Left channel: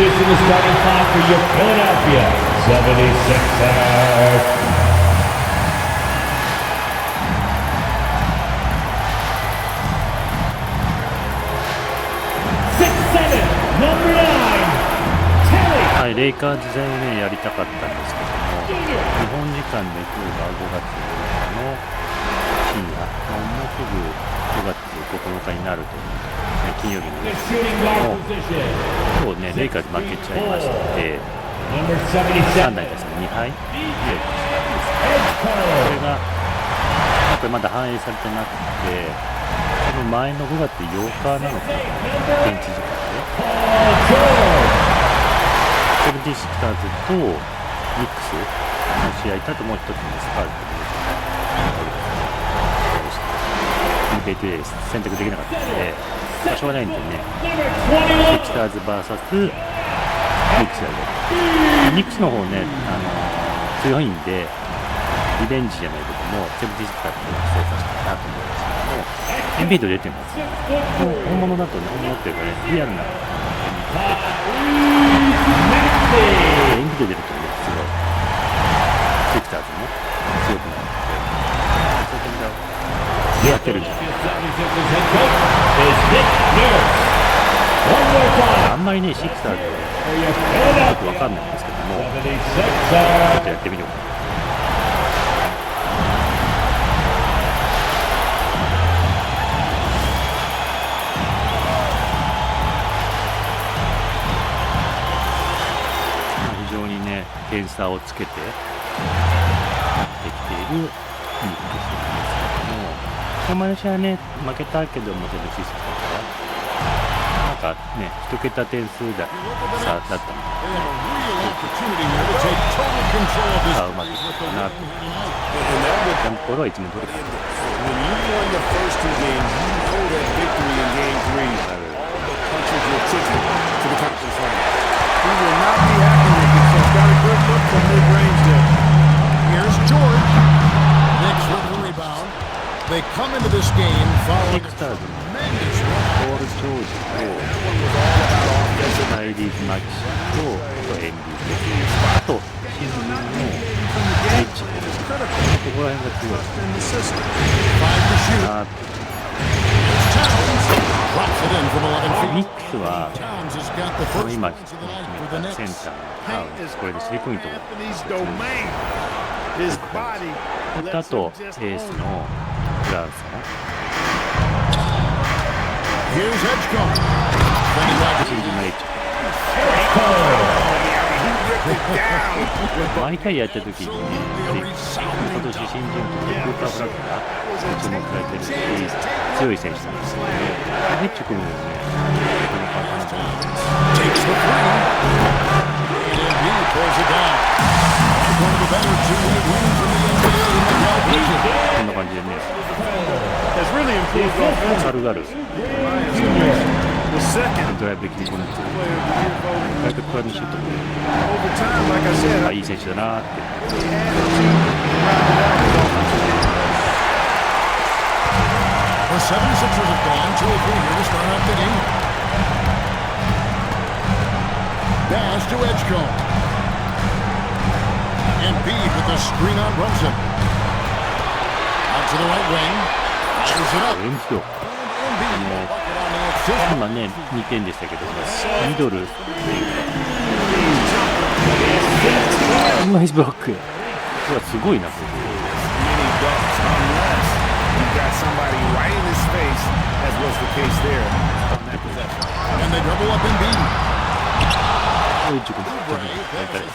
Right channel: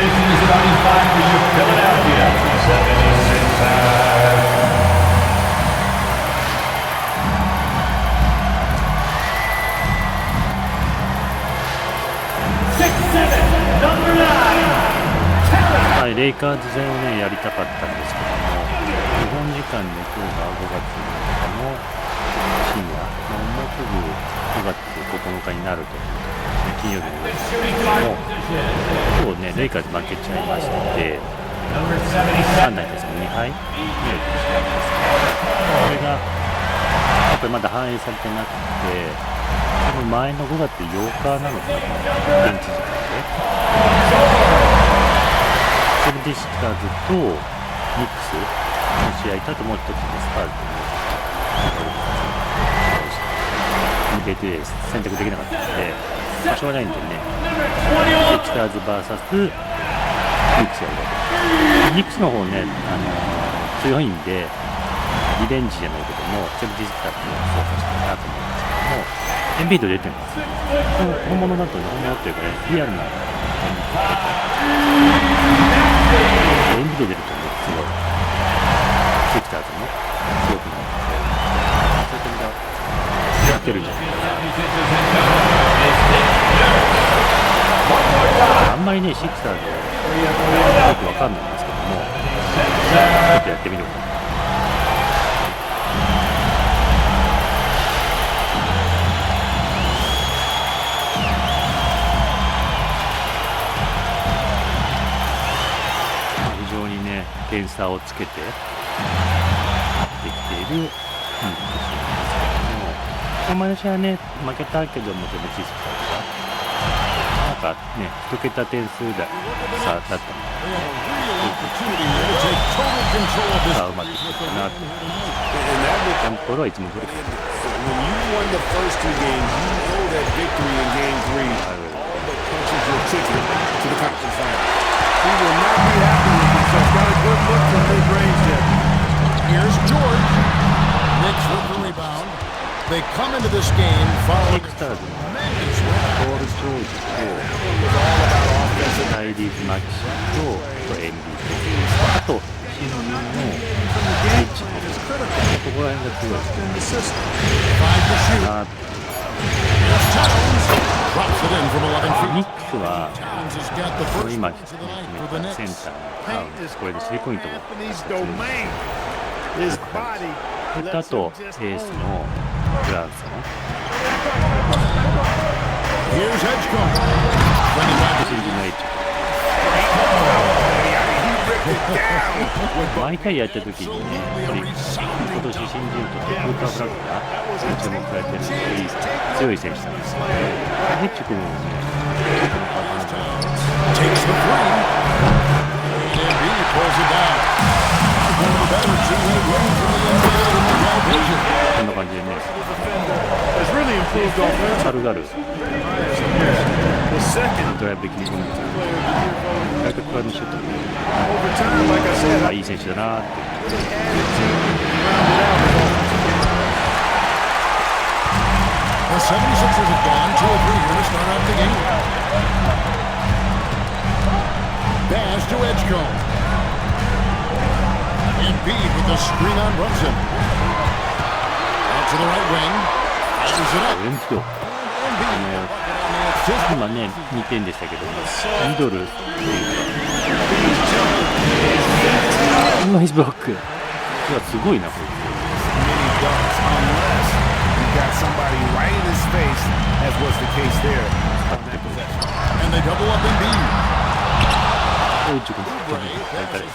Introducing the starting five for your Philadelphia 76ers. はい、レイカーズ戦をねやりたかったんですけども、日本時間で今日が5月6日の深夜、もうすぐ5月9日になるというところですね、金曜日の夜ですけども、今日ねレイカーズ負けちゃいまして、3台ですね2敗目をしたんですけど、それがやっぱりまだ反映されてなくて、その前の5月8日なのかな、この現地時間で。セブンティシクターズとニックスの試合と、あともう一つのスパーズとニュージー試合をして NBA2K 選択できなかったので、しょうがないんでね、シクターズ VS ニックスやるわけで、ニックスの方ね、強いんでリベンジじゃないけどもセブンティシクターズを操作したいなと思うんですけども、エンビード出てますよね。本物だとね、本物っていうかね、リアルなエンビード出てエンビード出るとね、すごいシクターズも強くなるので、そういった意味では勝てるんじゃないかな。あんまりねシクターズよくわかんないんですけども、ちょっとやってみようかな。非常にね点差をつけて勝ってきているニックスですけども、この前の試合はね負けたけども、セブンティシクターズがなんかね1桁点数差だったみたいな、さあうまくいったかなと。ジャンプボールはいつも通りかな。He will not be happy with himself. Got a good look from mid-range there. Here's George. Knicks with the rebound. They come into this game following a tremendous run. ポール・ジョージとライリーズ・マキシとエンビーと、あと新人のエッジ、ここら辺が強いですね。ニックスはこの今決めたセンターのタウンです。これでスリーポイントも強いです。あとエースのブランソン、新人のエッジ、毎回やった時にね、やっぱり今年新人としてクーパー・フラッグが注目されてるし強い選手なんですけどね、ヘッジ君もね、このパートナーこんな感じでね、軽々ドライブで切り込んでるんですけど、外角からのシュートもいい選手だなって。The 76ers have gone 2-3 here to start out the game. Dash to Edgecombe. Embiid with the screen on Brunson. Out to the right wing. Fires it up. 今ね2点でしたけども、ミドルというかナイスブロック、すごいなこれ。He got somebody right in his face, as was the case there on that possession. And they double up Embiid. Passes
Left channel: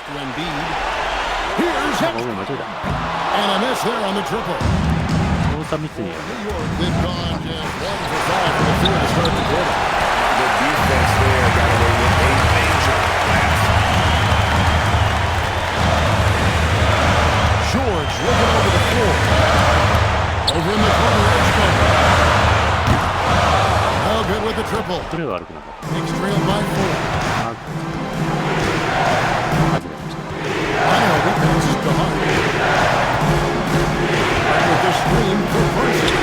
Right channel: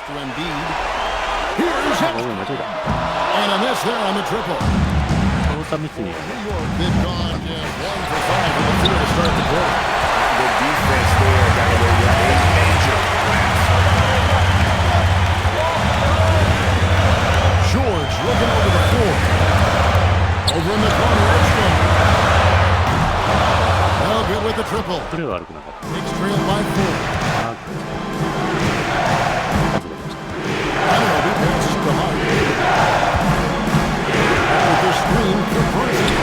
to Embiid. Here's Edgecombe. And a miss there on the triple. New York, they've gone just 1 for 5 from the field to start the quarter. The defense there got away with a major lapse. George looking over the floor. Over in the corner, Edgecombe. No good with the triple. Knicks trail by 4. Anunoby passes to Hart. With the screen for Brunson.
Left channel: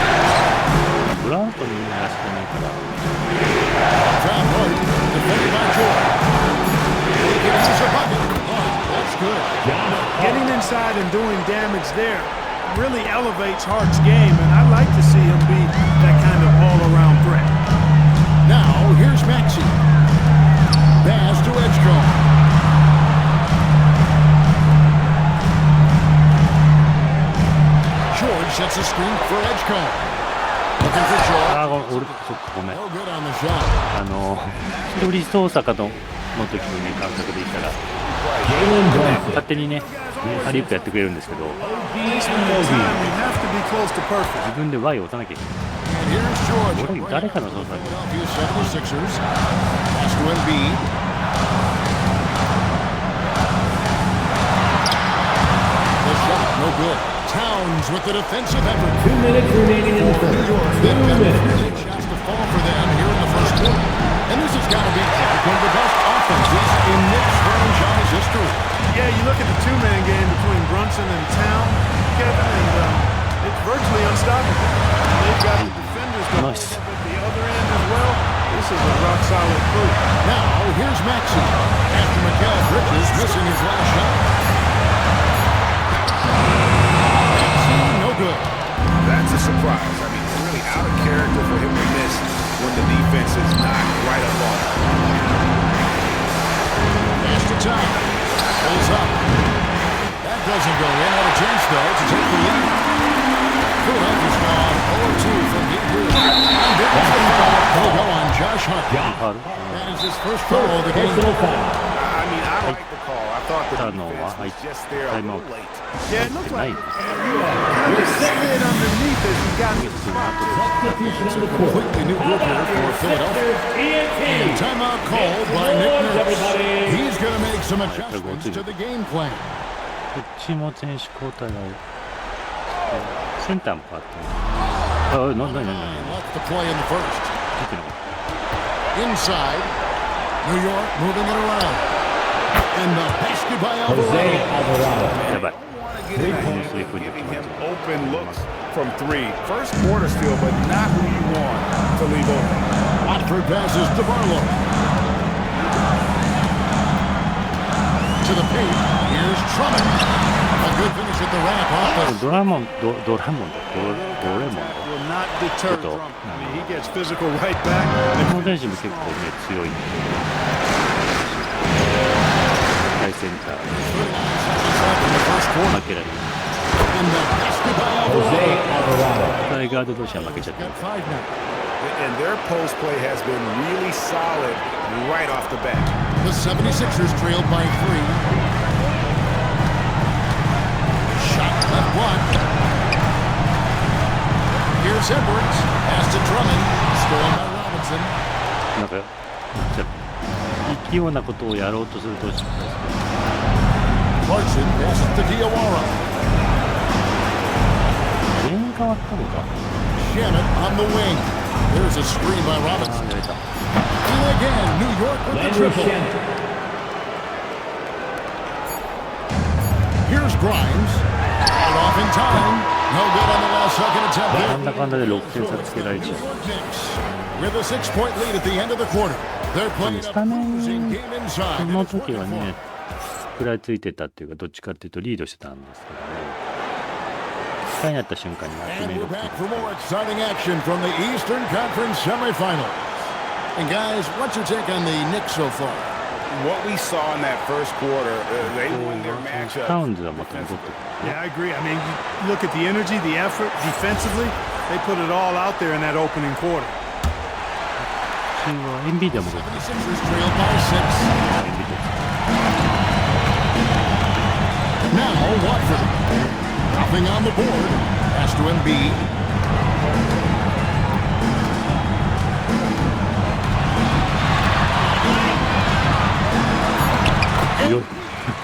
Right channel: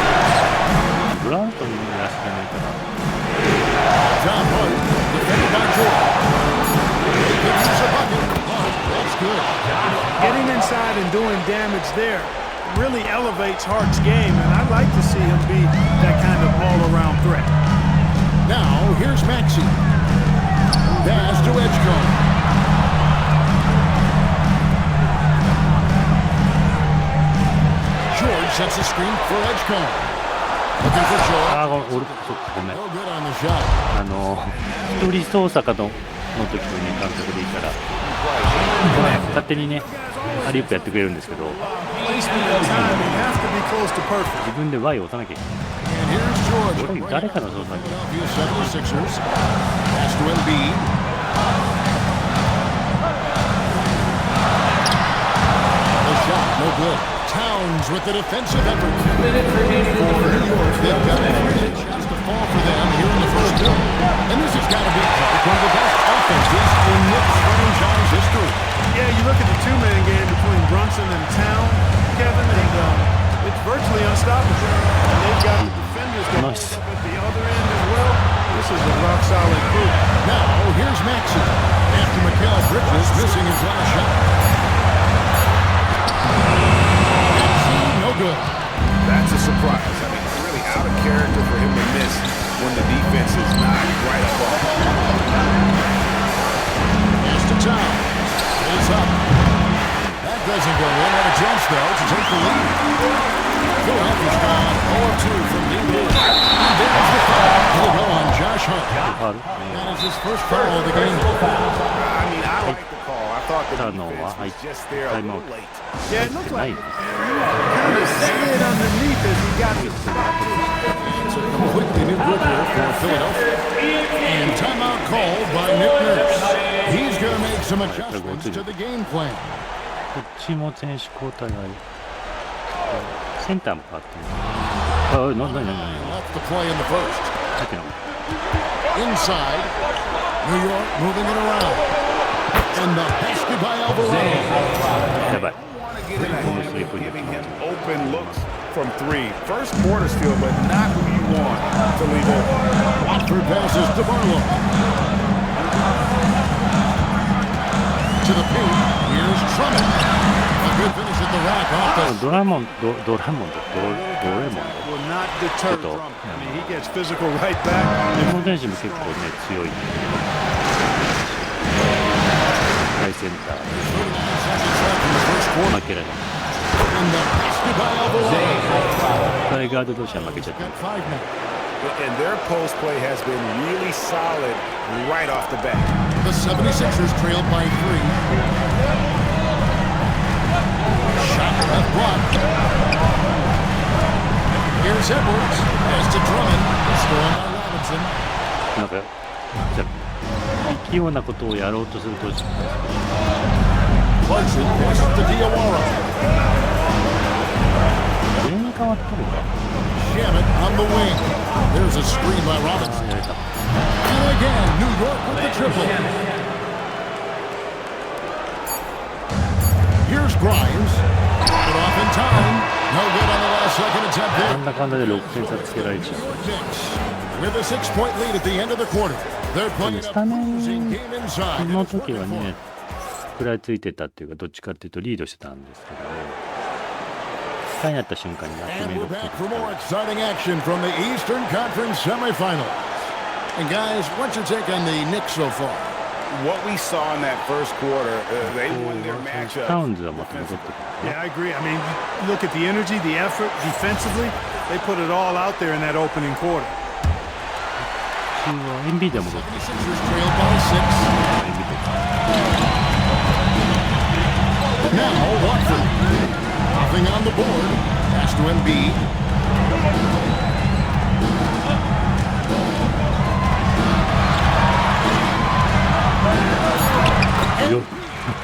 Top Hart, defended by George. good. Getting inside and doing damage there really elevates Hart's game, and I like to see him be that kind of all-around threat. Now, here's Maxey. Pass to Edgecombe. George sets a screen for Edgecombe. Looking for George. ああ、俺、そっか、ごめん。 No good on the shot. 一人操作かとの時のね、感覚でいたら、勝手にね、ハリウップやってくれるんですけど、Placement and timing have to be close to perfect. 自分で Y を押さなきゃいけない。 And here's George. 俺、誰かの操作に。 Philadelphia 76ers. Pass to Embiid. The shot, no good. Towns with the defensive effort. 2 minutes remaining for New York. They've got 3 shots to fall for them here in the first quarter. And this has got to be Clark, one of the best offenses in Knicks franchise history. Yeah, you look at the two-man game between Brunson and Town, Kevin, and it's virtually unstoppable. And they've got the defenders to hold up at the other end as well. This is a rock-solid crew. Now, here's Maxey. After Mikal Bridges missing his last shot. Maxey, no good. That's a surprise. I mean, really out of character for him to miss when the defense is not right up on him. Pass to Town. Pulls up. That doesn't go in. Had a chance, though, to take the lead. Philadelphia's gone 0-2 from deep here. And there's the foul. He'll go on Josh Hart. That is his first foul of the game. I mean, I like the call. I thought the defense was just there a little late. Yeah, it looked like kind of slid underneath as he got to the spot. It's a completely new group here for Philadelphia. And timeout called by Nick Nurse. He's going to make some adjustments to the game plan. こっちも選手交代がある。センターも変わってる。あ、なに Left to play in the first. 見てなかっ Inside. New York moving it around. And the basket by Alvarado. た。やばい。 Giving him open looks from 3. First quarter still, but not who you want to leave open. Watford passes to Barlow. To the paint. Here's Drummond. A good finish at the rack off the... ドレモンド。 Will not deter Drummond. I mean, he gets physical right back. この選手も結構ね、強い。大センター。負けられない。 And the basket by Alvarado. タイガード同士は負けちゃった。 Got 5 now. And their post play has been really solid right off the bat. The 76ers trailed by 3. Shot left block. Here's Edwards. Pass to Drummond. Stolen by Robinson. なんか、器用なことをやろうとすると失敗する。 Clarkson passes to Diawara. 全員変わったのか。 Shamet on the wing. There's a screen by ああ、 Robinson. やれた。 And again, New York with the triple. Here's Grimes. Put off in time. No good on the last second attempt な there. んだかんだで6点差つけられちゃう。 Knicks with a 6-point lead at the end of the quarter. They're playing a losing game そ inside. の時はね、食らいついてたっていうか、どっちかっていうとリードしてたんですけども、1回になった瞬間に決 And め we're 6点 back for more exciting action from the Eastern Conference semifinals. And guys, what's your take on the Knicks so far? What we saw in that first quarter, they won their matchup. タウンズはまた戻ってくる。 Yeah, I agree. I mean, you look at the energy, the effort, defensively, they put it all out there in that opening quarter. 普通は NBA で戻ってくる。 76ers trailed by 6. NBA で Now Watford. Nothing on the board. Pass to Embiid.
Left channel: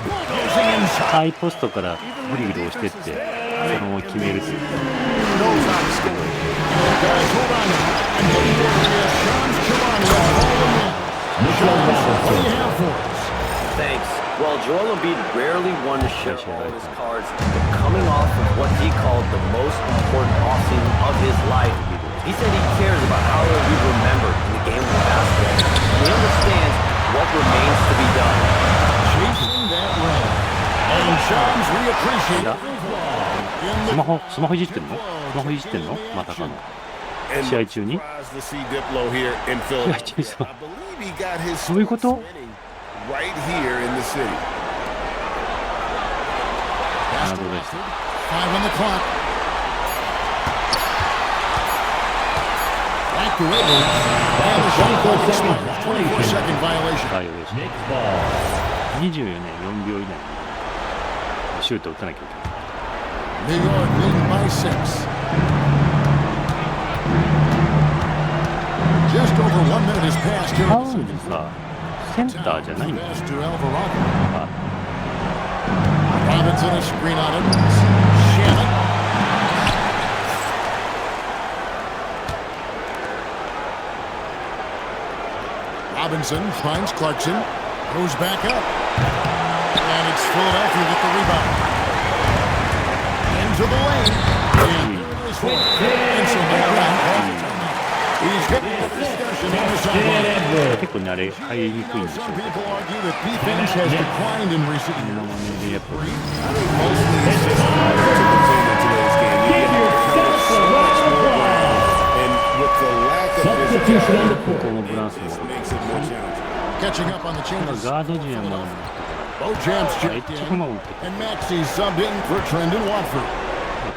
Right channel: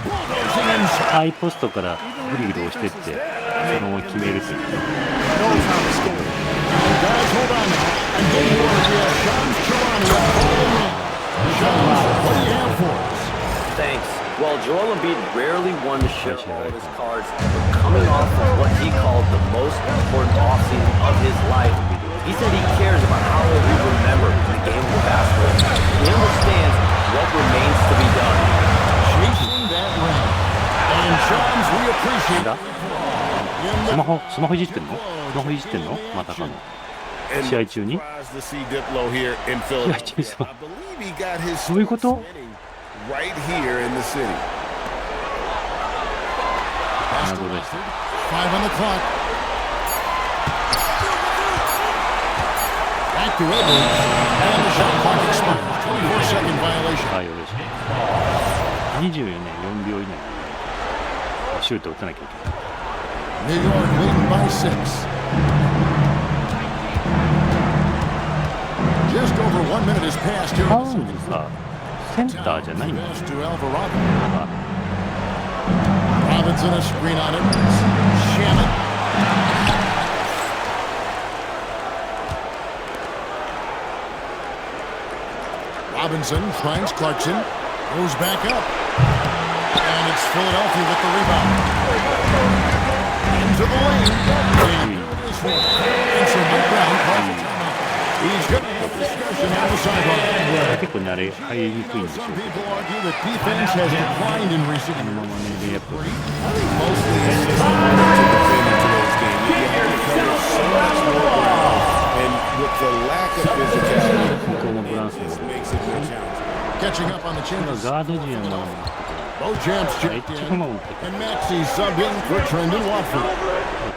Bulldozing inside. ハイポストからグリグリ押してってそのまま決めるという。 Knows how to score. Guys, hold on now. And getting word we have Shams Charania calling in. Shams, what do you have for us? Thanks. Well, Joel Embiid rarely won to share all of his cards, but coming off of what he called the most important offseason of his life, he said he cares about how he'll be remembered in the game of basketball. And he understands what remains to be done. Chasing that ring. And Shams, we appreciate だスマホいじってんの？スマホいじってんの？またかの試合中に？試合中にスマホどういうこと？ right here in the city. Pass to Watford. 5 on the clock. Back to Edwards. And the shot clock expires. 24-second violation. 24年4秒以内にシュート打たなきゃいけない。 New York leading by 6. Just over 1 minute has passed here. タウンズさ、センターじゃないんだよ。Robinson a screen on it. Shannon. Robinson finds Clarkson. Goes back up. And it's Philadelphia with the rebound. Into the lane. And there it is for him. And so Mike Brown calls a timeout. He's going to have a discussion on the sideline. 結構ね、あれ入りにくいんでしょうけど。 People argue that defense has declined in recent years. I think mostly it's just harder to defend in today's game. You have to cover so much more ground, and with the lack of physicality, ここもブランスも it makes it more challenging. Catching up on the 今 changes. ガード陣はまだ持ってこない。 Beauchamp's checked in, and Maxey subbed in for Trendon Watford.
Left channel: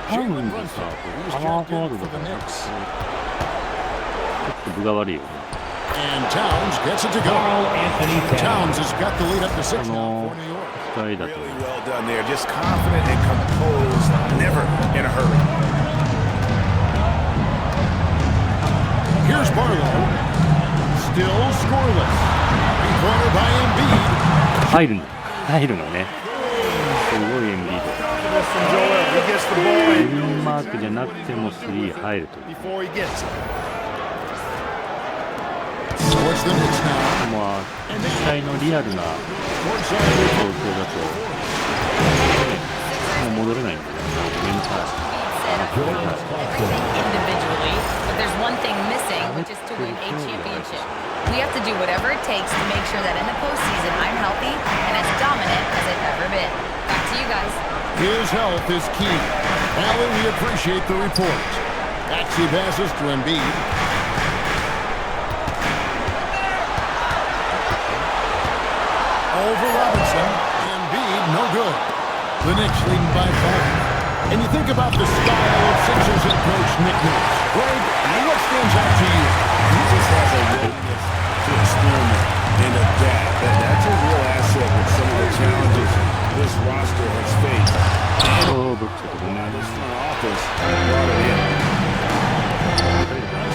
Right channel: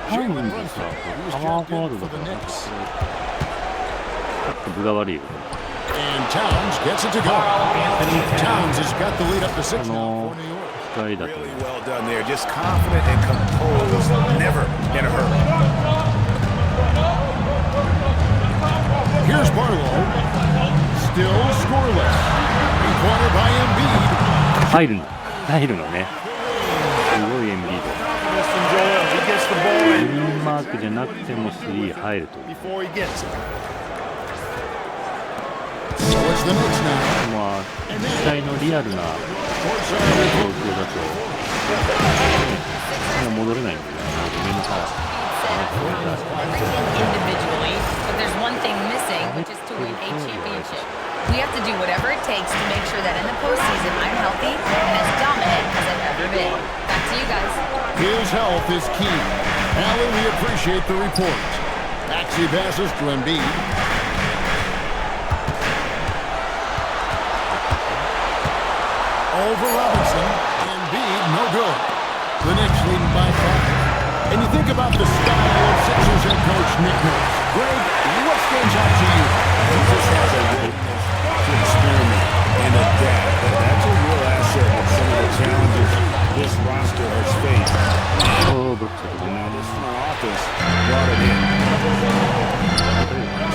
タウンズさ、パワーフォワードだからなんかそれちょっと分が悪いよね。 And Towns gets it to go. Towns has got the lead up to 6 now for New York. 控えだと Really well done there. Just confident and composed, never in a hurry. Here's Barlow. Still scoreless. 3-pointer by Embiid. 入るんだ。入るのね。すごいエンビード。グリーンマークじゃなくても3入るという。So it's the Knicks now. まあ実際のリアルな状況だともう戻れないんだよね。ごめんなさい。 everything individually, but there's one thing missing, which is to win a championship. We have to do whatever it takes to make sure that in the postseason I'm healthy and as dominant as I've ever been. Back to you guys. His health is key. Allie, we appreciate the report. Maxey passes to Embiid. Over Robinson. Embiid, no good. The Knicks leading by 5. And you think about the style of Sixers head coach Nick Nurse. Greg, what stands out to you? He just has a willingness to experiment and adapt. That's a real asset with some of the challenges this roster has faced. Oh, This front office brought it in.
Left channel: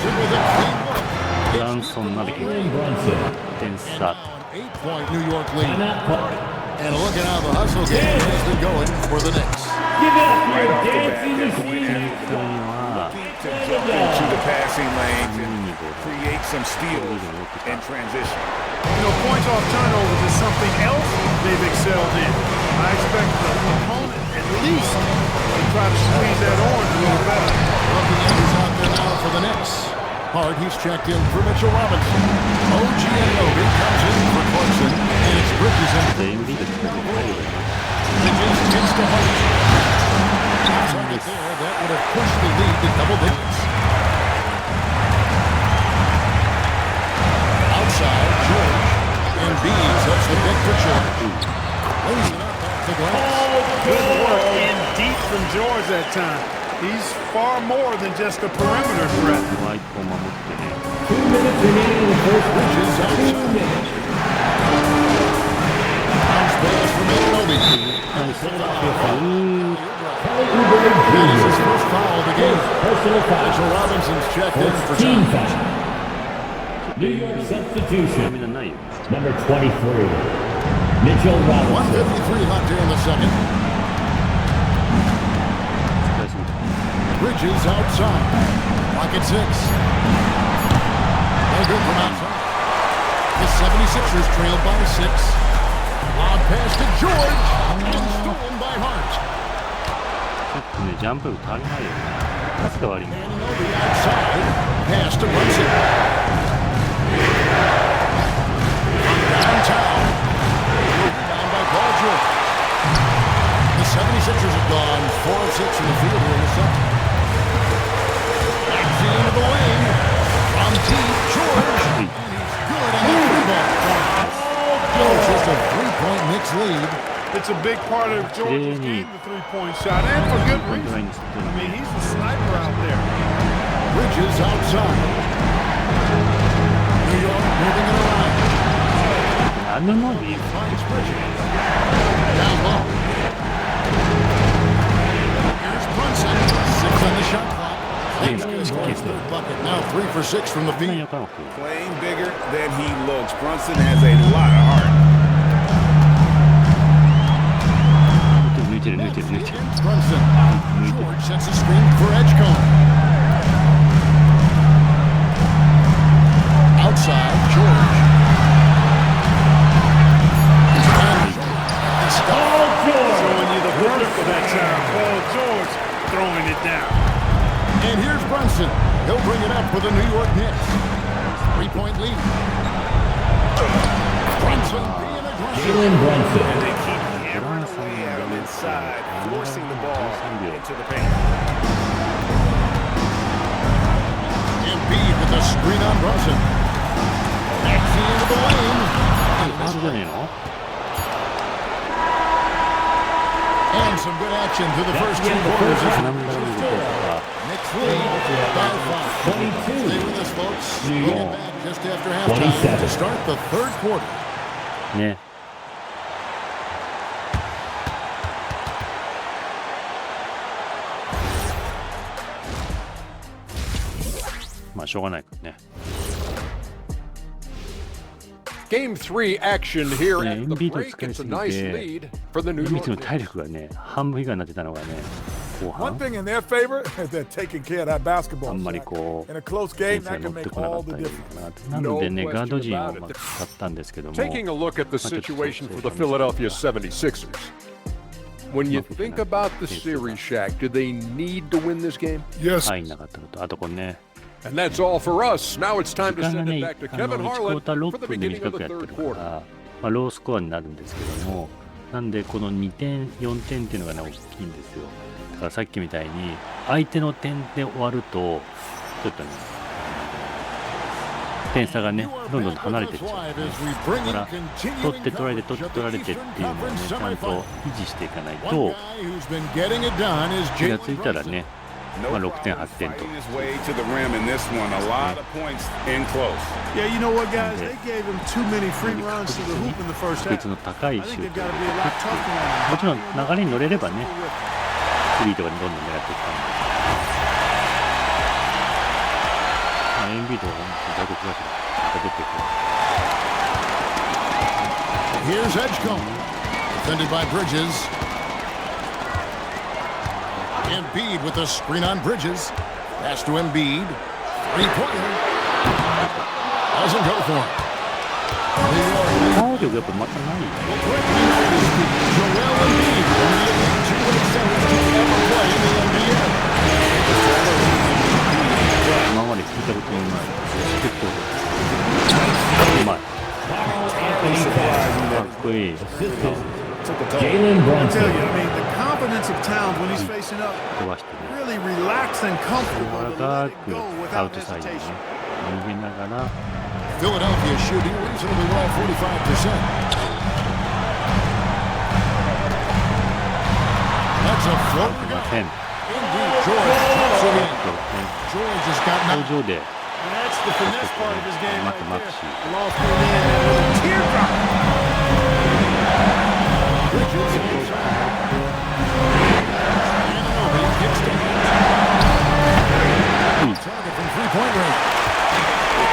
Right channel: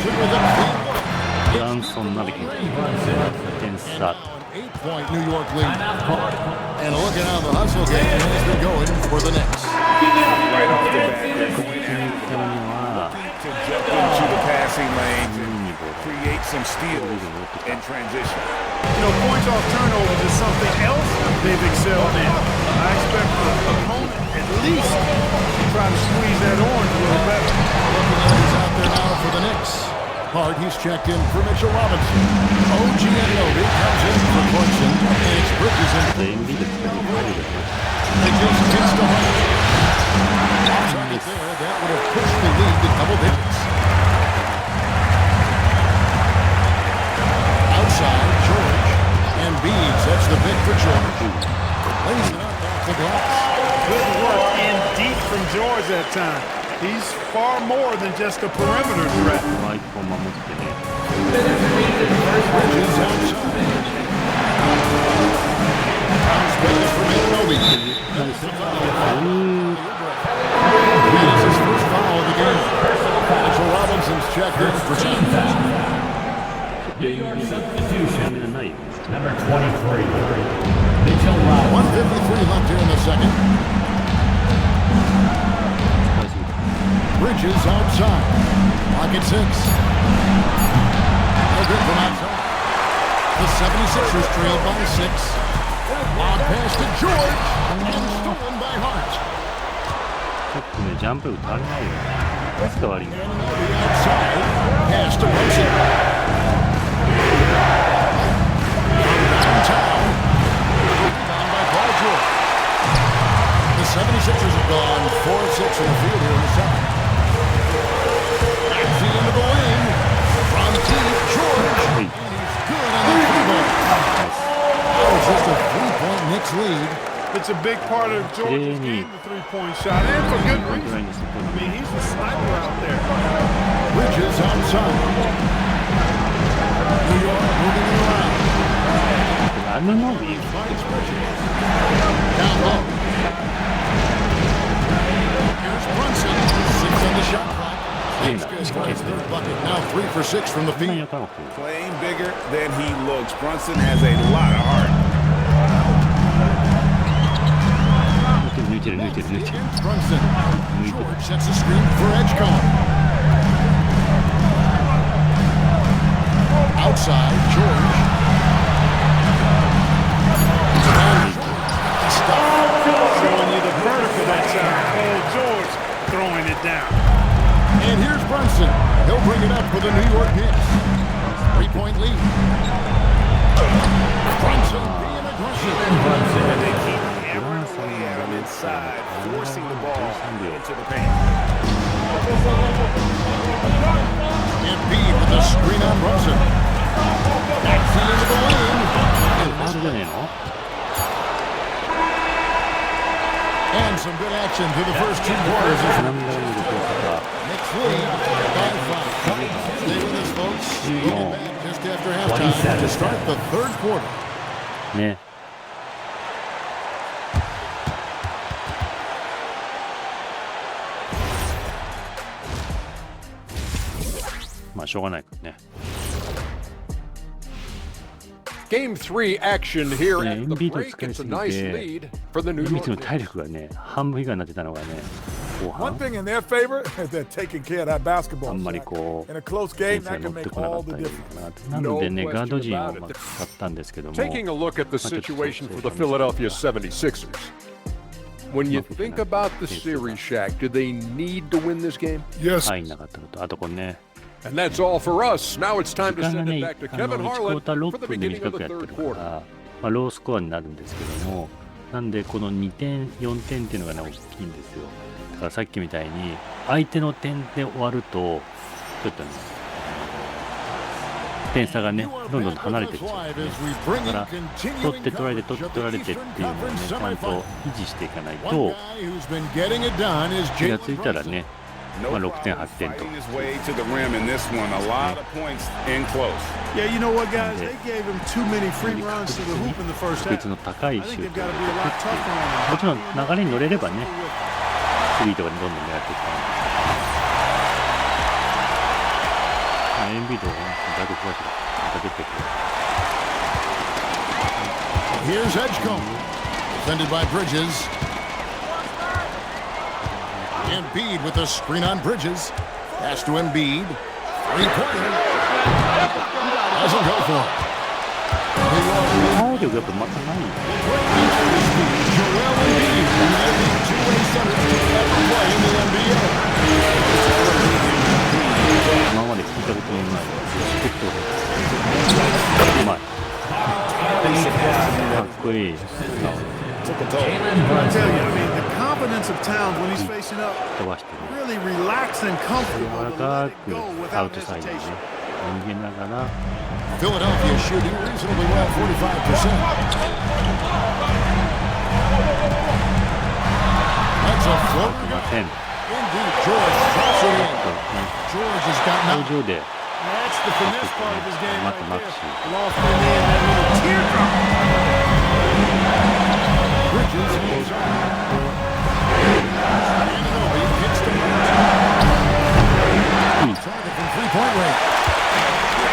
With a clean look. ブランソンまで来て8点差。 8-point New York lead. And look at how the hustle game has been going for the Knicks. Right off the bat, they're going after looking to jump into the passing lanes and create some steals and transition. You know, points off turnovers is something else they've excelled in. I expect the opponent at least to try to squeeze that orange a little better. Looking at who's out there now for the Knicks. Hart, he's checked in for Mitchell Robinson. OG Anunoby comes in for Clarkson, and it's Bridges in. Bridges gets to Hart. Off target there, that would have pushed the lead to double digits. Outside, George. Embiid sets the pick for George. Lays it up off the glass. Good work in deep from George that time. He's far more than just a perimeter threat. ワイプを守ってね。 Bridges outside. Bounce pass from Anunoby. That is his first foul of the game. Mitchell Robinson's checked in for time. Substitution. Number 23, Mitchell Robinson. 1:53 left here in the second. Bridges outside. Clock at 6. No good from outside. The 76ers trailed by 6. Lob pass to George. And stolen by Hart. ちょっとね、ジャンプ力足りないよね。パスが悪いんだよ。 Anunoby outside. Pass to Brunson. From downtown. Rebound by Paul George. 76ers have gone 4 of 6 from the field here in the second. Maxey into the lane. From deep, George. And he's good on the free ball. Now it's just a 3-point Knicks lead. It's a big part of George's game, the three-point shot, and for good reason. I mean, he's a sniper out there. Bridges outside. New York moving it around. He finds Bridges. Down low. Here's Brunson. 6 on the shot clock. He's good. His third bucket. Now 3 for 6 from the field. Playing bigger than he looks. Brunson has a lot of heart. Brunson. George sets a screen for Edgecombe. Outside, George. And George with the stop. Showing you the vertical that time. Paul George throwing it down. And here's Brunson. He'll bring it up for the New York Knicks. 3-point lead. Brunson being aggressive. Jalen Brunson. And they keep hammering away at him inside, forcing the ball into the paint. Embiid with the screen on Brunson. Maxey into the lane. And some good action through the first 2 quarters. Knicks lead by 5. Stay with us, folks. We'll get back just after halftime to start the third quarter. ね。まあしょうがないからね。Game 3 action here at the NBAToday break. It's a nice lead for the New York NBATodayの体 Knicks. 力がね、半分以下になってたのがね、後 One 半 thing in their favor is they're taking care of that あ basketball んまり shot. こう In a close 点 game, 数が that 乗 can って make こなか all った the り difference. なのでね、 No ガード陣を question about it. 使ったんですけども、 Taking a look at the just situation for the say Philadelphia 76ers. When you Not think looking at about the it. series, Shaq, do they need to win this game? Yes. 入んなかったのと、あとこれね、 And that's all for us. Now it's 時 time to 間が send ね、 it back to 1 Kevin クォ Harlan ーター for 6 the 分で beginning 短 of く the やって third るか quarter. ら、まあ、ロースコアになるんですけども、なんでこの2点、4点っていうのがね、大きいんですよ。だからさっきみたいに、相手の点で終わると、ちょっとね、点差がね、どんどん離れていっちゃう、ね。だから、取って取られて、取って取られてっていうのをね、ちゃんと維持していかないと、気がついたらね、まあ、6点、8点と。 Fighting his way to the rim in this one. A lot of points in close. Yeah, you know what, guys? They gave him too many free runs to the hoop in the first 確 half. 率の高い I シ think ュー they've トを got 入 to れ be て a いく lot ってい tougher on う。 him. もちろん流れに乗れればね、スリーとかにどんどん狙っていく感じですけど。まあ、エンビード、大黒柱、また出てくる。 Here's Edgecombe. Defended by Bridges. Embiid with a screen on Bridges. Pass to Embiid. Three-pointer. Doesn't go for it. New York lead. 体力やっぱまたないよ。 Greatly noticed speed. Joel Embiid, one of the elite two-way centers to ever play in the NBA. 今まで聞いたことのない結構うまい。かっこいい。 Jalen I tell Brunson. you, I mean, the confidence of Towns when he's facing up, 飛ばしてね。 really relaxed and 柔 comfortable ら to か let it く go アウ without トサイドにね hesitation. 逃げながら Philadelphia shooting reasonably well, 45%. That's a floater い gun. ません。 Indeed, George drops it ちょ in. っとね George has got 登 knocked. 場で That's the finesse part of his game Matt right there. Maxey. Loft in there, that little teardrop. Bridges. Anunoby gets to target from three-point range.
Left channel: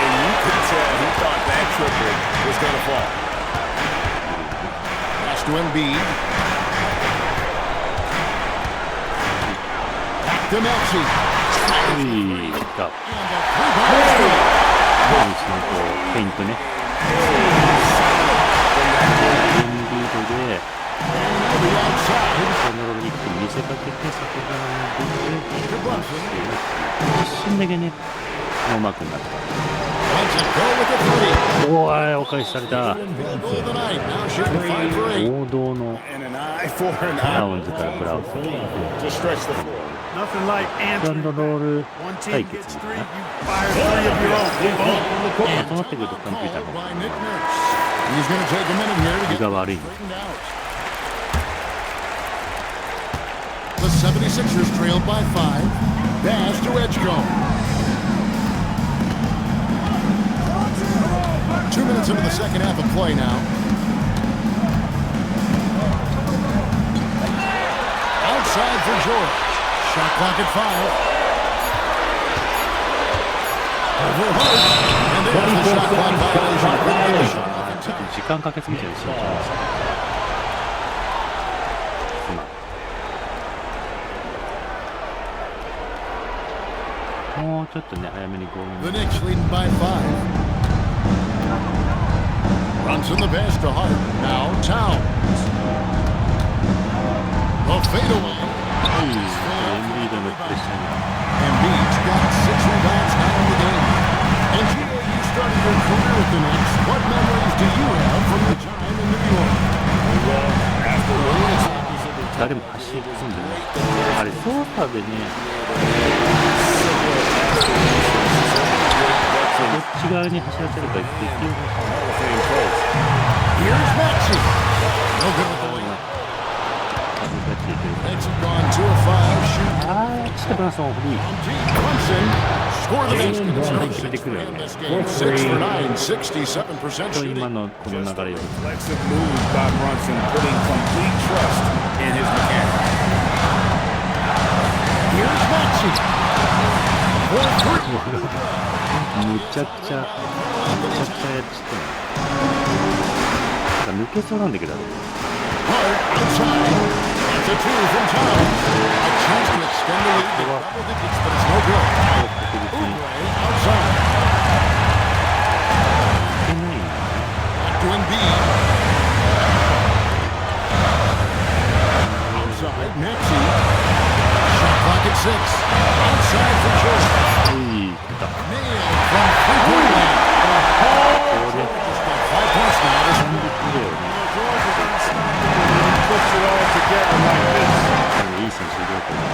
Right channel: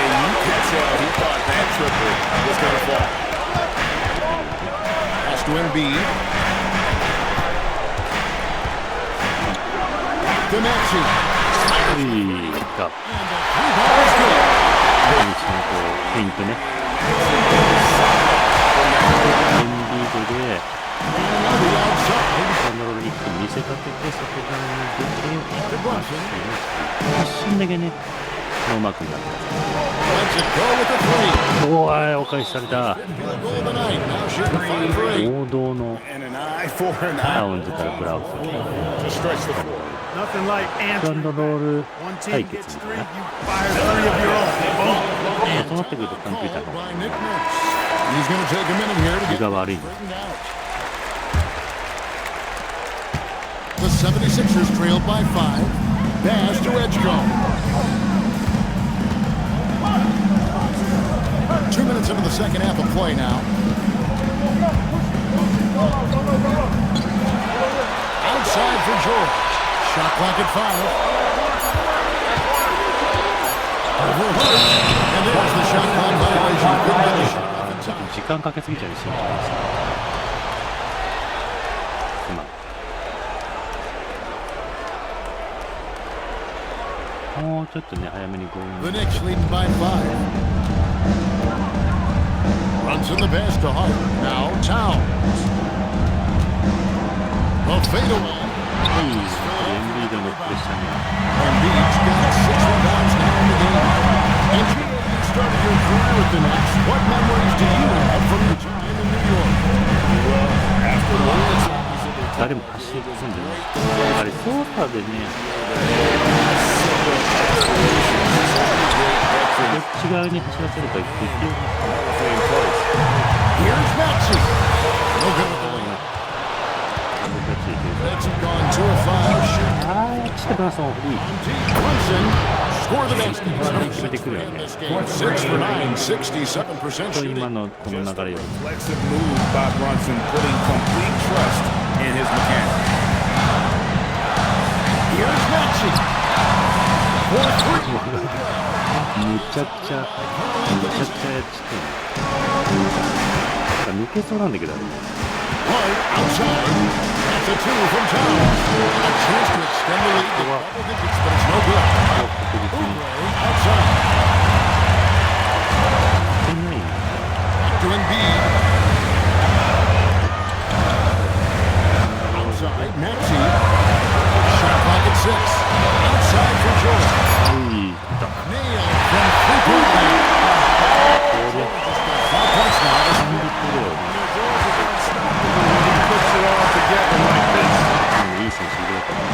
And you could tell he thought that triple was going to fall. Pass to Embiid. Back to Maxey. うい来た。 And the three-ball is good. 第一のこうペイントね。 From that corner. エンビードで Anunoby outside. コントロールに一気に見せかけて外側に出て To マッ Brunson. シュの一瞬だけねノーマークになった。Lets it go with the three. おーい、お返しされた。 Field goal of the night. Now shooting 5 for 8. 王道の And an eye for an ラ eye. ウンズからブラウス。 Just stretch the floor. Nothing like ピックアン answering ドロー back. ル One 対 team 決 gets みたい three, な。 you fire 3 of your own. Boom. そうなってくるとコンピューター Called の by Nick Nurse. He's going to take a minute here to 気 get が悪い。 straightened out. The 76ers trailed by 5. Dash to Edgecombe. 2 minutes into the second half of play now. Outside for George. Shot clock at 5. Over Hart. And there's the shot clock violation. Couldn't get the shot off in ちょっと time. 時間かけすぎちゃうし、身長です。すまん。もうちょっとね、早めに強引 The に。 Knicks leading by 5. Runs in the pass to Hart. Now Towns. The fadeaway. エンビードのプレッシャーには。 Embiid's got 6 rebounds now in the game. And GA, you started your career with the Knicks. What memories do you have from your time in New York? Well, after winning the championship, 誰も走り込んでない。あれ、操作でね、どっち側に走らせるかできるんですよ。 Hall of Fame coach. Here's Maxey. No good with the layup. ダブルタッチできる。 Nets have gone 2 of 5 shooting. あー、ちょっとブランソンフリー。 On deep, Brunson score the basket. It's number 6 決めてくるよ in ね。 this game. 6 for 9, 67% と今 shooting. のこの Just 流 a れより。 reflexive move by Brunson, putting complete trust in his mechanics. Here's Maxey. For 3. むちゃくちゃやっちゃってんの。なんか抜けそうなんだけど、あれ。 Hart outside. That's a 2 from Towns. A chance to extend the lead to double digits, but it's no good. ここ確実に。 Oubre outside. 抜けないんだね。 Back to Embiid. Outside, Maxey. Shot clock at 6. Outside for George. はい、出た。 Nailed from three-point land. これ、 Just got 5 points now. This コンビプレーをね、 George is unstoppable when he puts it all together like this. いい選手いると思う。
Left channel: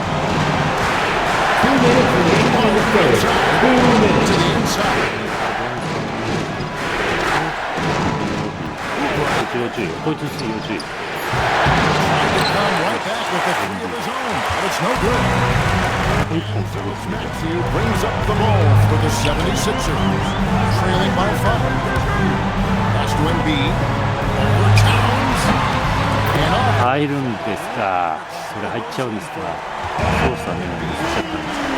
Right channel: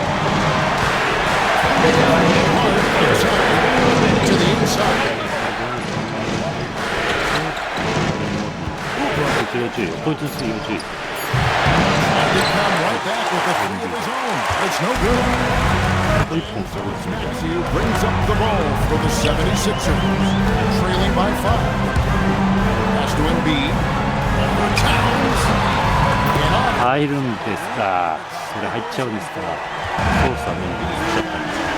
Hart outside to the inside. 要注意よ。こいつに要注意。 Trying to come right back with a 3 of his own, but it's no good. ここ一本下げてみて。 Maxey brings up the ball for the 76ers, trailing by 5. Pass to Embiid, over Towns, and off. 入るんですか。それ入っちゃうんですか。操作ね、しちゃったんですけ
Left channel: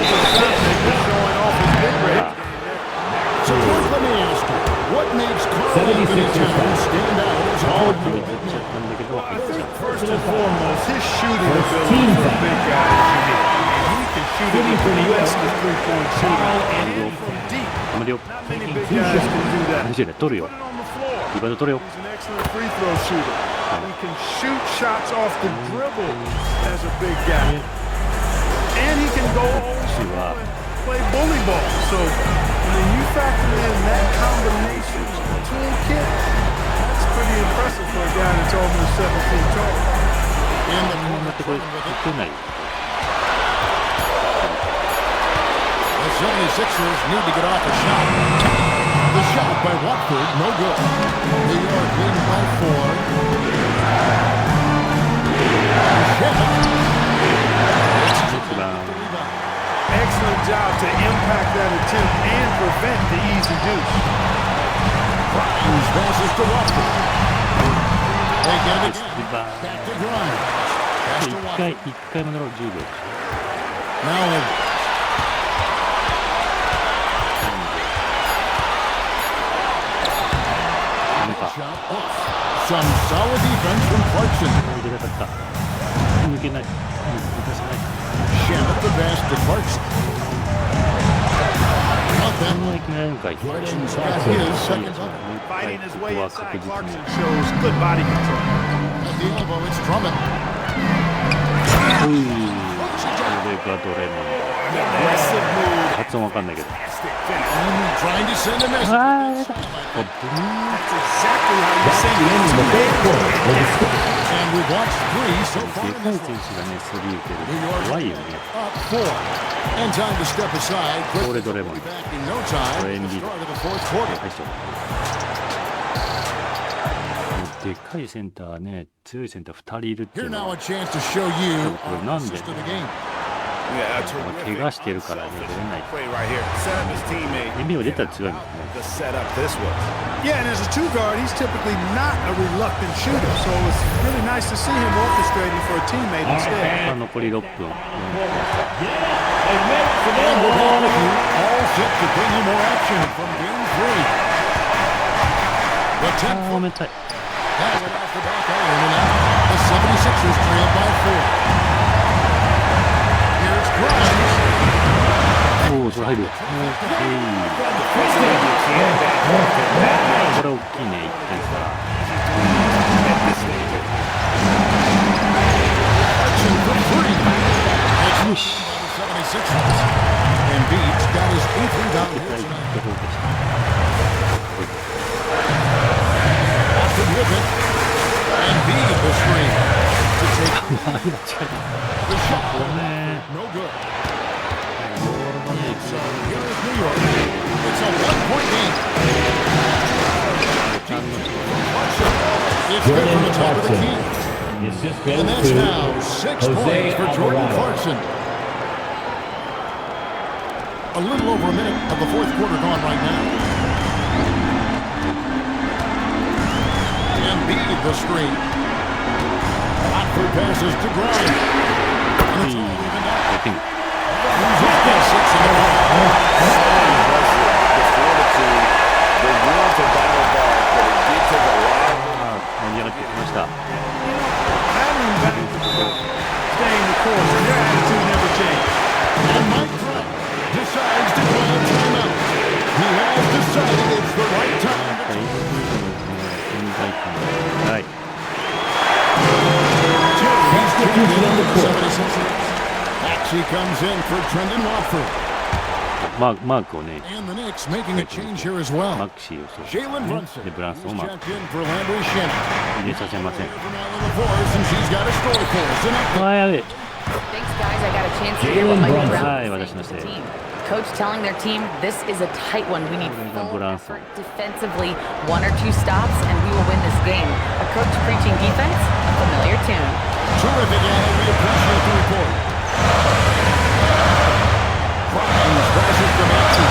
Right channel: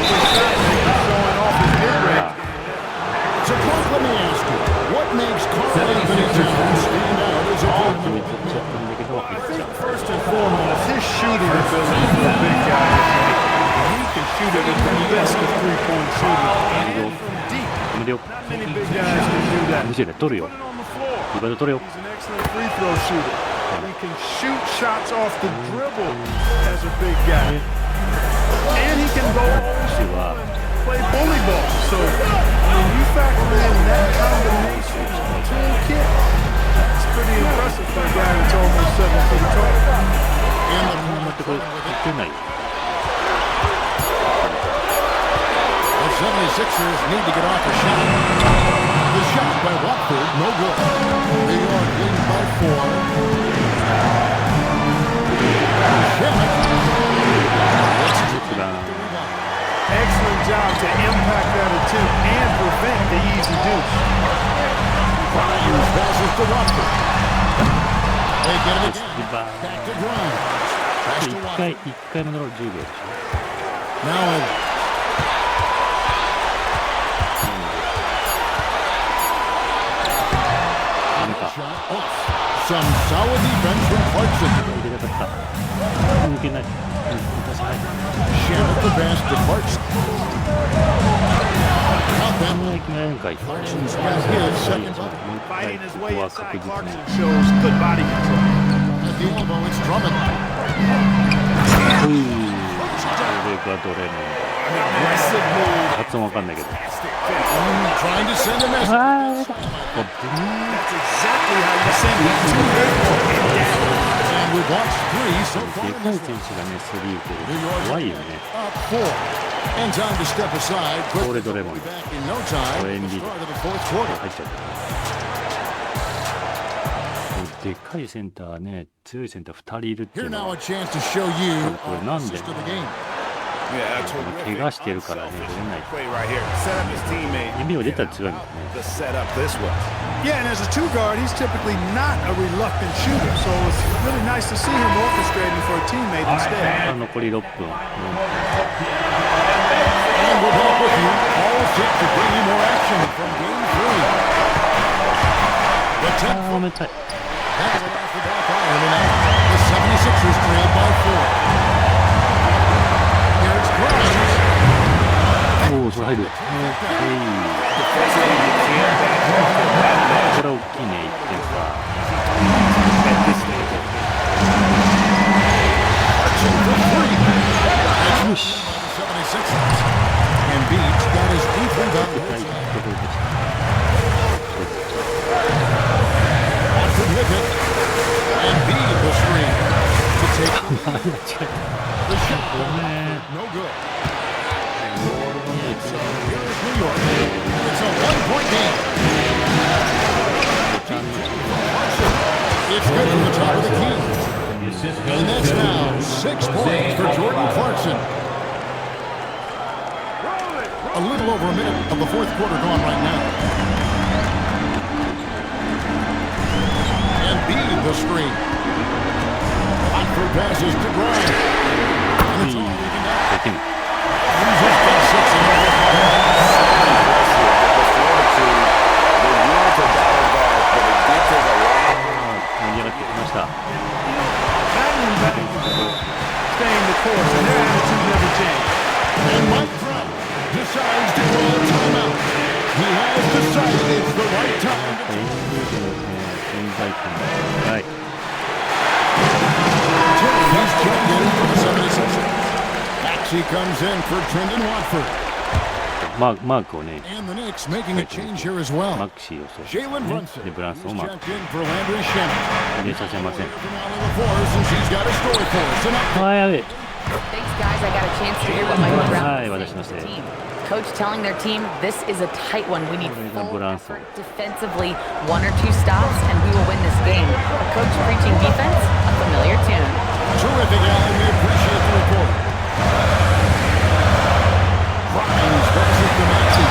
Shot maker showing off his ど。 mid-range. So, Clark, let me ask you, what makes Karl Anthony Towns stand out as a 決め player? ちゃったんだけど、入 I っちゃ think う。 first and foremost, his shooting ability for a big guy is unique. I mean, he can shoot it with the best of three-point shooting and from deep. 頑張るよ。 Not many big guys can do that. 大丈夫だ、取るよ Put。it on the floor. リバウンド取るよ。 He's an excellent free throw shooter. He can shoot shots off the dribble as a big guy. And he can go old school and play bully ball. So, I mean, you factor in that combination toolkit, that's pretty impressive for a guy that's almost 7 feet tall. In the 待ってこれ、打てない。 The 76ers need to get off a shot. The shot by Watford, no good. New York leading by 4. Shamit. It's Good rebound. the rebound. Excellent job to impact that attempt and prevent the easy deuce. Grimes passes to Watford. They get it リ again. バウン Back to Grimes. Pass ド。 to 一回 Watford. 戻ろう、10秒でし Now Edwards. ょ。ダメか。 Shot off. Some solid defense from Clarkson. 入れたかった。抜けない。抜かせない。 Shamit the pass to Clarkson. Count こ that んな one. に決められるんかい。 Clarkson's got his second bucket. もう一回 Fighting his こ way こは確 inside, 実に Clarkson shows good body control. At the elbow, it's Drummond. れがドレモンド。発音わかんないけど。Trying to send a message. That's exactly how you send it. And we've watched 3 so で far. かい選手がね、スリー受けると怖いよね。 Up 4. And time to step aside. これドレモンド。 Back in no time. これ at the NB start of the fourth quarter. 入っちゃうからね。でかいセンターね、強いセンター2人いるってい Here うの now は a chance to show you これなんで assist of the game. Yeah, a 怪我してるからね、出れない。 play right here. Set up his teammate. NBA 出たら強いもんね。 The setup this was. Yeah, and as a two guard, he's typically not a reluctant shooter, so it's really nice to see him orchestrating for a teammate instead. 残り6分、4分差。 And we're back with you, all set to bring you more action from game 3. The 10 ごめんなさい。 that went off the back iron and out. The 76ers trailed by 4. Here's Grimes. おお、それ入る。オーケー。 Defensively, you can't back off him that much これ大きいね、1点差。 at this stage. Clarkson for 3. It's by the 76ers. Embiid's got his 8th rebound 絶 here 対 tonight. どこでした。 Watford with it. Embiid the screen to take the lead. The shot no good. So here is New York. It's a 1-point game. It's good from the top of the key. And that's now 6 points for Jordan Clarkson. A little over a minute of the fourth quarter gone right now. Embiid the screen. Watford passes to Grimes. And it's all evened up. やってみる。 Loses got 6 in the quarter. So impressive. The fortitude, the will to battle back, but it did take a lot. 盛り上がってきました。 You know, battling back is about staying the course, and their attitude never changed. And Mike Brown decides to call timeout. He has decided it's the right time to エンビードのね、存在感が高い。 He's checked in for the 76ers. Maxey comes in for Trendon Watford. マークをね、 And the Knicks making a change here as well. マクシーをそう。 Jalen Brunson で、ブランソンを is マーク。 checked in for Landry Shamet. 入れさせません。 From Allie LaForce, and she's got a story for us. An update. あ、やべえ。 Thanks, guys. I got a chance to hear what Mike Brown Hi, was私 saying の to せい。 the team. Coach telling their team this is a tight one. We need これが full ブランソン。 effort defensively, 1 or 2 stops, and we will win this game. A coach preaching defense, a familiar tune. Terrific, Allie. We appreciate the report. Grimes passes to Maxey.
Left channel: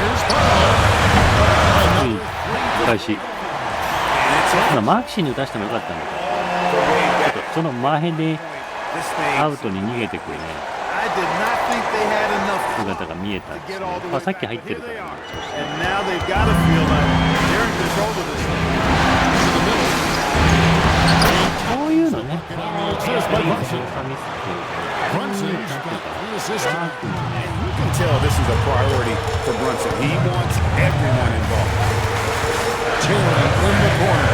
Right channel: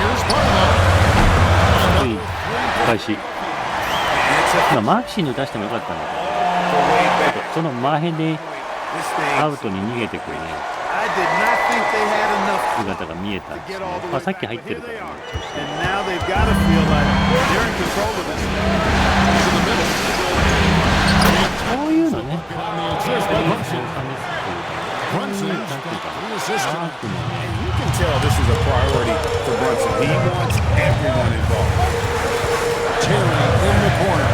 Here's Barlow. Another 返し。 And it's a 今、マクシーに打たしてもよかったんだけ the way ど、 back. その前で This thing. アウトに逃げてくるね、 I did not think they had enough 姿が見えたん to です get all ね the。way あ、さっ back. き入っ But て here るか they ら are. ね、調子 And now they've got to feel like they're in control of this. to the middle. そういうのね、 Get on the assist by 操 Brunson. 作ミスっていうか、 Brunson's なんていう got か 3 な、 assists ワー tonight. クのね、 You can tell this is a priority for Brunson. He wants everyone involved. Terry in the corner.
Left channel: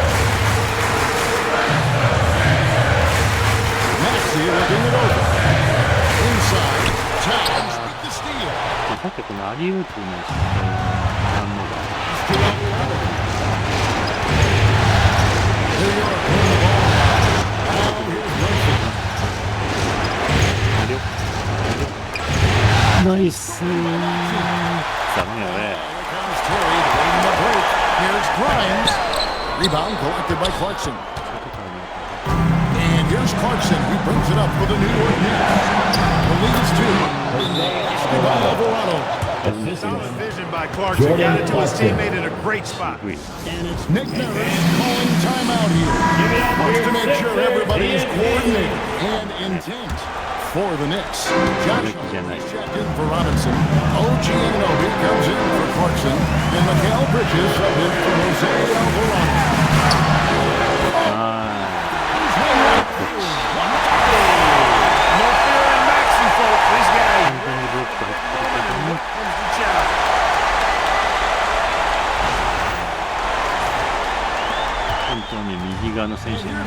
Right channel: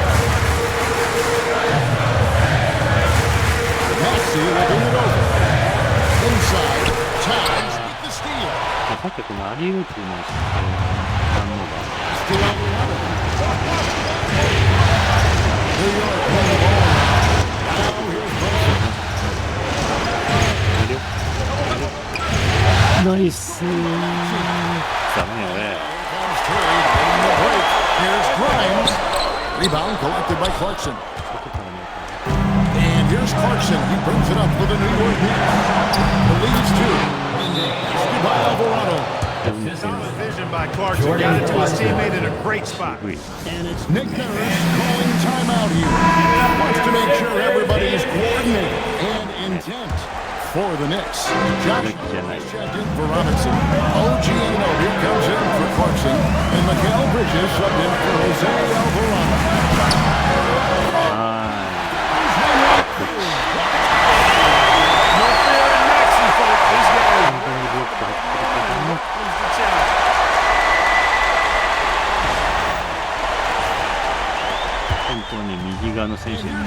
Maxey looking it over. Inside, Towns with the steal. さっきはこのアリウープの失敗の反応が、 It's to Alvarado. New York win the ball now. Now here's Brunson. ナイスー。ダメよ、俺。 Here comes Terry late in the break. Here's Grimes. Rebound collected by Clarkson. 外から見たら And here's Clarkson. He brings it up for the New York Knicks. The lead is 2. Basket by Alvarado. Solid vision by Clarkson. Got it to his teammate in a great spot. グイ And it's Nick Nurse calling timeout here. Wants to make sure everybody's coordinated and intent for the Knicks. Josh checked in for Robinson. OG Anunoby comes in for Clarkson. And Mikal Bridges subbed in for Jose Alvarado. は Here's Wainwright. No fear in Maxey, folks. This い。 guy 完全にブロック入ってるけども、 wins the challenge. こ本当に右側の選手にマ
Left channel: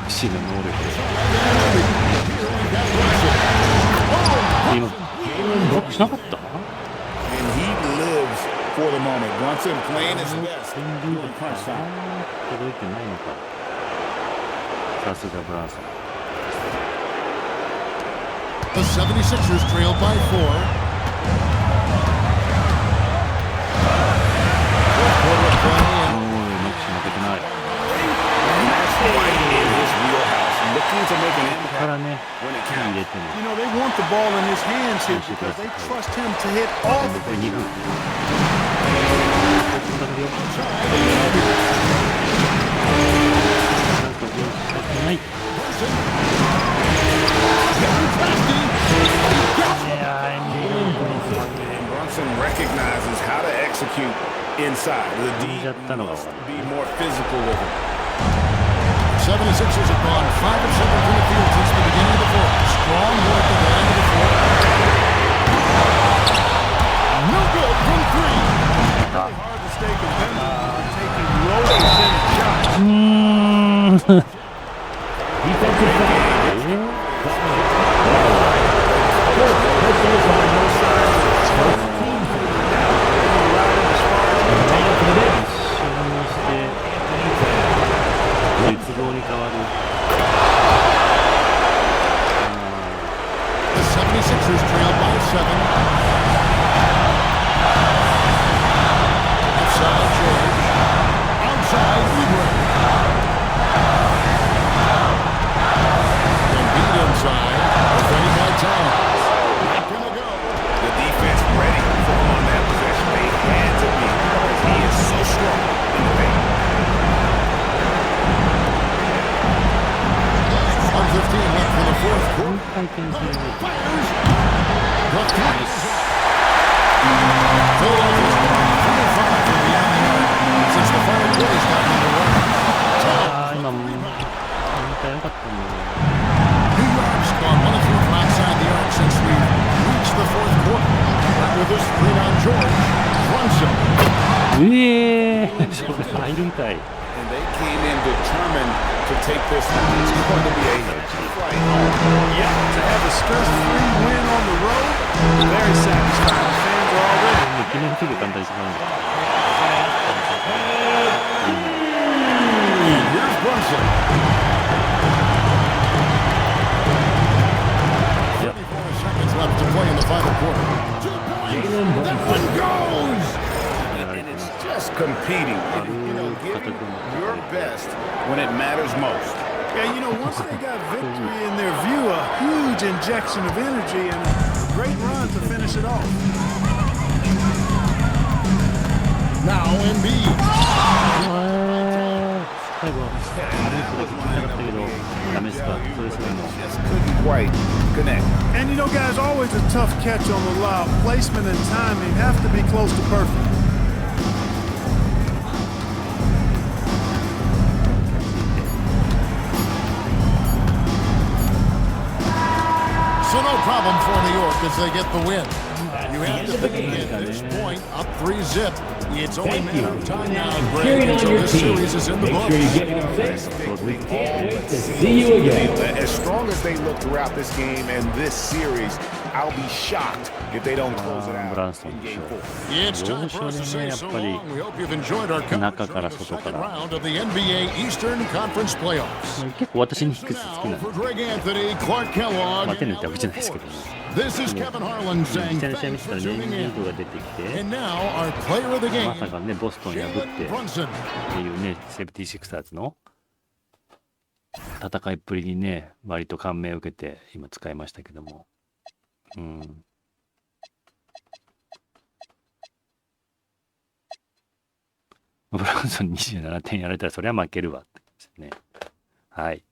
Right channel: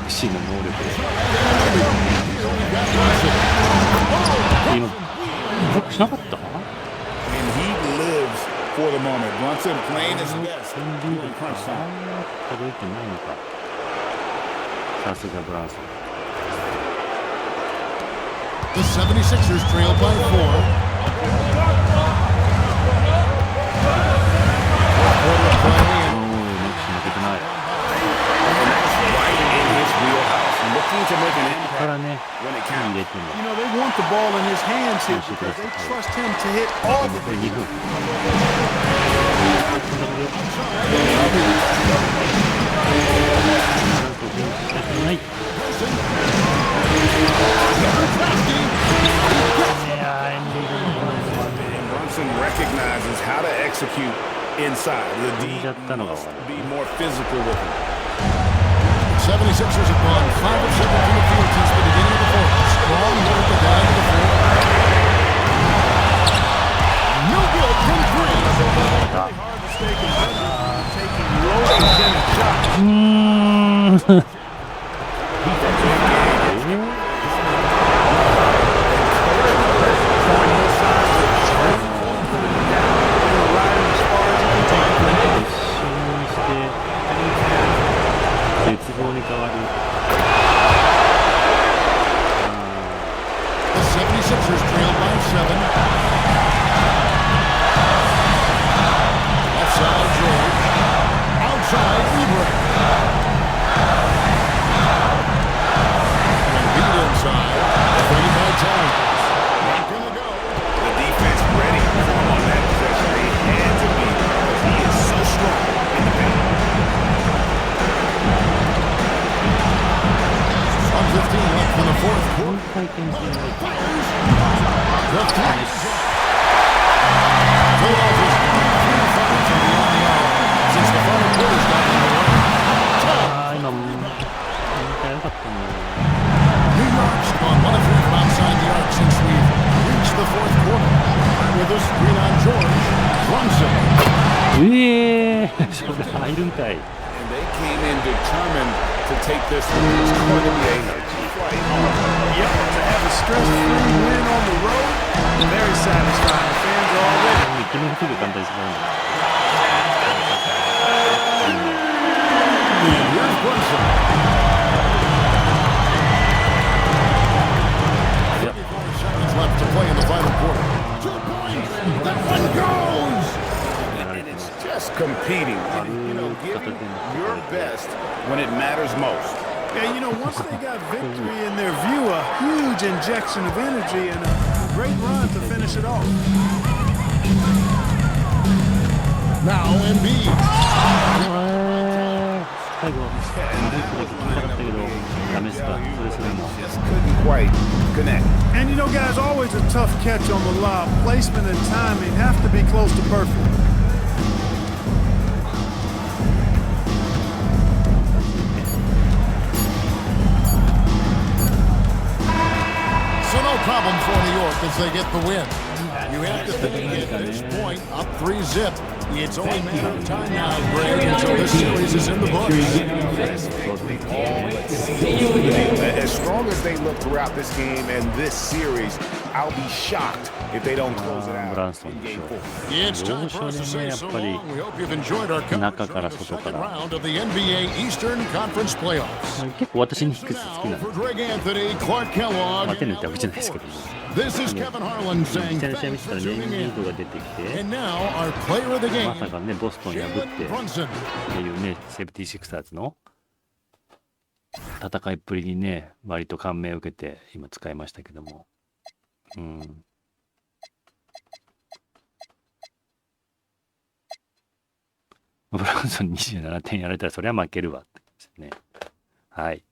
クシーの能力で今ブロックしなかった？ And he lives for the moment. Brunson playing his best during crunch time. 届いてないのか。さすがブランソン。The 76ers trail by 4. Fourth quarter of play and マクシー負けてない。And that's right in his wheelhouse. Looking to make an から impact ね、 when it 入れ counts. ても。 You know, they want the ball in his hands here because they trust him to hit all the 残り2分。なんとゴールしたくない。And Brunson recognizes how to execute inside. The D must be more physical with him. 76ers have gone 5 of 7 from the field since the beginning of the fourth. Strong work at that end of the fourth. No good from 3. Really hard to stay competitive taking low percentage shots. Showing no signs of slowing down. They're going to ride him as far as he can take him. 一瞬にして絶望に変わる。The 76ers trail by 7. Left side, George. Outside, Oubre. Embiid inside. Defended by Towns. Not gonna go. The defense ready for him on that possession. They had to be because he is so strong in the paint. 1:15 left in the fourth quarter. 回転するね。 Fires. The three. Philadelphia's gone 3 of 5 from beyond the arc since the final quarter's gotten underway. ああ、 Towns. 今、見たらよかったんだよ。 New York's gone 1 of 3 from outside the arc since we've reached the fourth quarter. Back with us, screen on George. Brunson. それ入るんかい。 And they came in determined to take this one. It's going to be a flight home. Yep, to have a stress-free win on the road, very satisfying. The fans are already. 決めるとき簡単に決まるんだ。 And here's Brunson. 34 seconds left to play in the final quarter. 2 points. That one goes. And it's just competing. You know, giving your best when it matters most. Yeah, you know, once they got victory in their view, a huge injection of energy and a great run to finish it off. Now Embiid. 最後、ループだけ決めたかったけど、ダメですか、それすらも。 Just couldn't quite connect. And you know, guys, always a tough catch on the lob. Placement and timing have to be close to perfect. So no problem for New York as they get the win. You have to think at this point, up 3-0. It's only a matter of time now, Greg, until this series is in the books. As strong as they look throughout this game and this series, I'll be shocked if they don't close it out in game 4. It's time for us to say so long. We hope you've enjoyed our coverage of the second round of the NBA Eastern Conference Playoffs. 結構私にニックス好きな Now ん for Greg Anthony, Clark Kellogg, 負けるってわけじゃないですけども。 this is Kevin Harlan 実 saying 際の試合見 thanks てた for らね、エン tuning ビ in. ードが出てきて、 And now our player of the ま game, さかね、ボストン破って Brunson. っていうね、76ersの戦いっぷりにね、割と感銘を受けて今使いましたけども。うん。ブランソン27点やられたらそりゃ負けるわって感じですね。はい。